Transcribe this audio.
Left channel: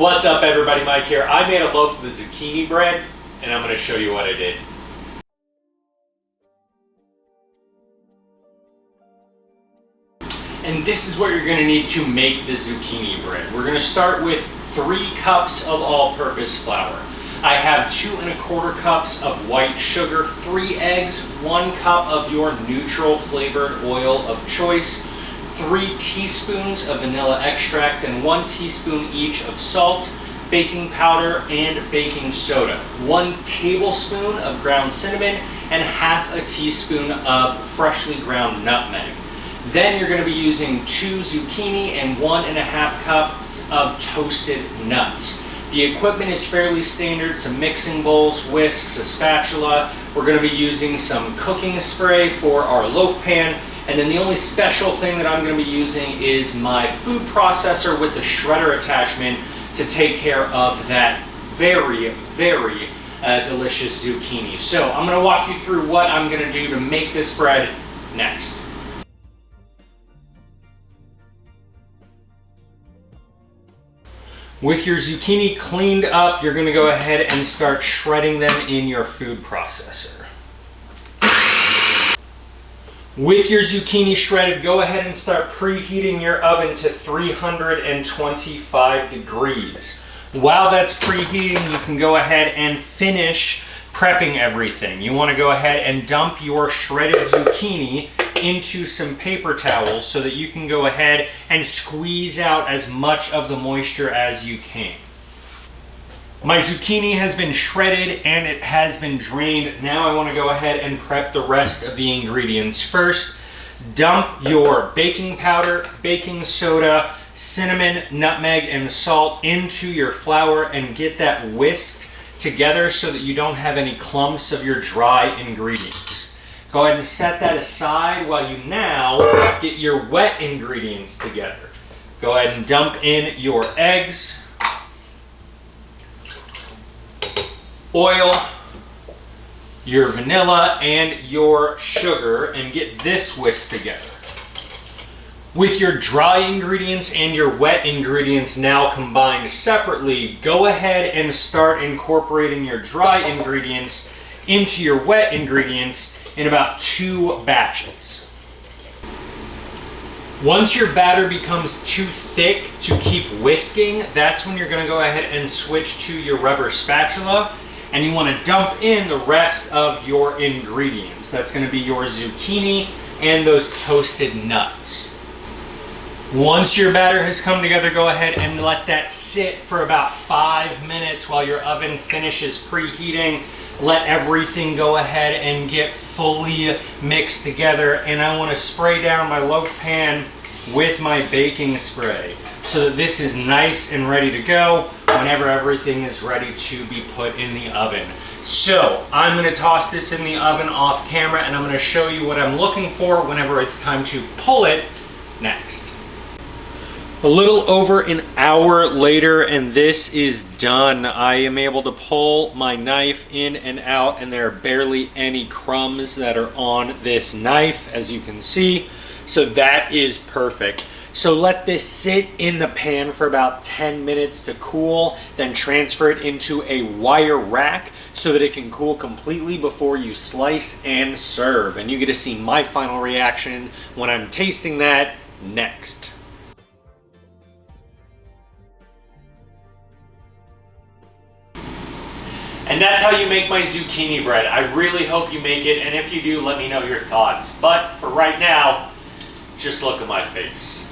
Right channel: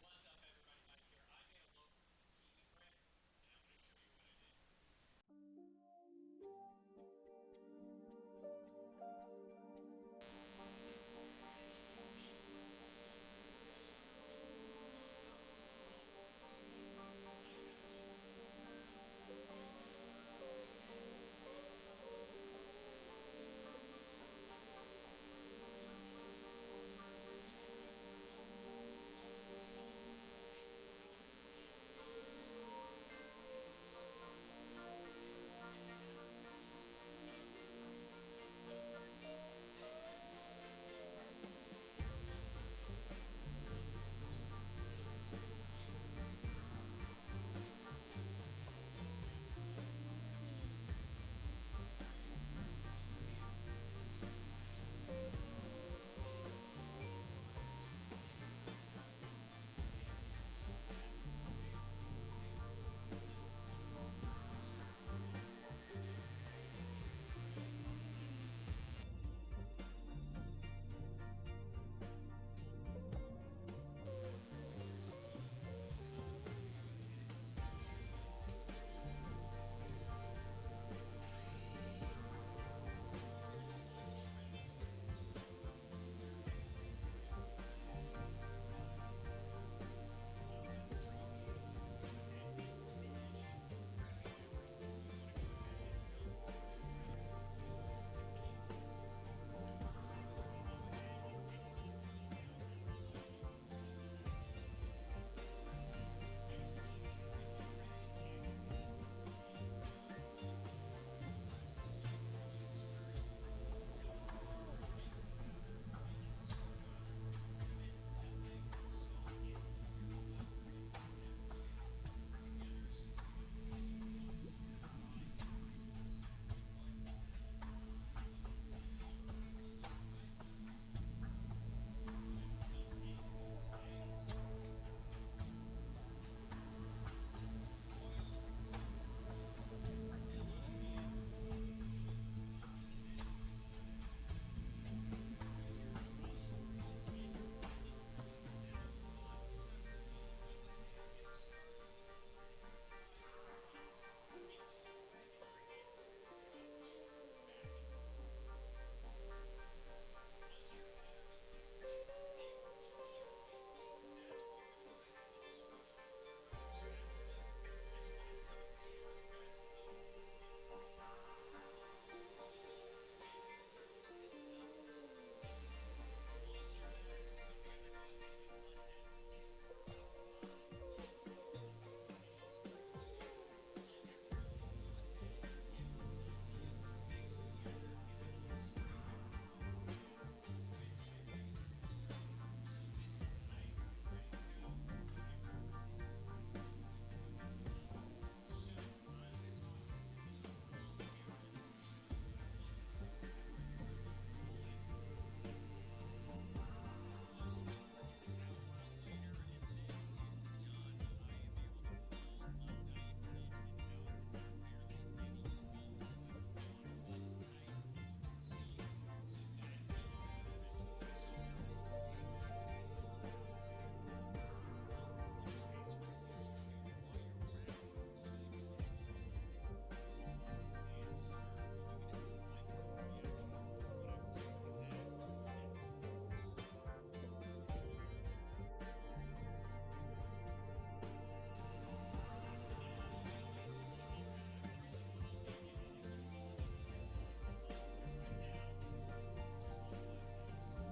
What's up everybody, Mike here. I made a loaf of zucchini bread and I'm going to show you what I did. And this is what you're going to need to make the zucchini bread. We're going to start with 3 cups of all-purpose flour. I have 2 1/4 cups of white sugar, 3 eggs, 1 cup of your neutral flavored oil of choice, 3 teaspoons of vanilla extract, and 1 teaspoon each of salt, baking powder, and baking soda, 1 tablespoon of ground cinnamon, and ½ a teaspoon of freshly ground nutmeg. Then you're going to be using 2 zucchini and 1½ cups of toasted nuts. The equipment is fairly standard, some mixing bowls, whisks, a spatula. We're going to be using some cooking spray for our loaf pan. And then the only special thing that I'm going to be using is my food processor with the shredder attachment to take care of that very, very delicious zucchini. So I'm going to walk you through what I'm going to do to make this bread next. With your zucchini cleaned up, you're going to go ahead and start shredding them in your food processor. With your zucchini shredded, go ahead and start preheating your oven to 325 degrees. While that's preheating, you can go ahead and finish prepping everything. You want to go ahead and dump your shredded zucchini into some paper towels so that you can go ahead and squeeze out as much of the moisture as you can. My zucchini has been shredded and it has been drained. Now I want to go ahead and prep the rest of the ingredients. First, dump your baking powder, baking soda, cinnamon, nutmeg, and salt into your flour and get that whisked together so that you don't have any clumps of your dry ingredients. Go ahead and set that aside while you now get your wet ingredients together. Go ahead and dump in your eggs, oil, your vanilla, and your sugar, and get this whisked together. With your dry ingredients and your wet ingredients now combined separately, go ahead and start incorporating your dry ingredients into your wet ingredients in about 2 batches. Once your batter becomes too thick to keep whisking, that's when you're going to go ahead and switch to your rubber spatula, and you want to dump in the rest of your ingredients. That's going to be your zucchini and those toasted nuts. Once your batter has come together, go ahead and let that sit for about 5 minutes while your oven finishes preheating. Let everything go ahead and get fully mixed together, and I want to spray down my loaf pan with my baking spray so that this is nice and ready to go whenever everything is ready to be put in the oven. So I'm going to toss this in the oven off camera, and I'm going to show you what I'm looking for whenever it's time to pull it next. A little over an hour later, and this is done. I am able to pull my knife in and out, and there are barely any crumbs that are on this knife, as you can see. So that is perfect. So let this sit in the pan for about 10 minutes to cool, then transfer it into a wire rack so that it can cool completely before you slice and serve. And you get to see my final reaction when I'm tasting that next. And that's how you make my zucchini bread. I really hope you make it, and if you do, let me know your thoughts. But for right now, just look at my face.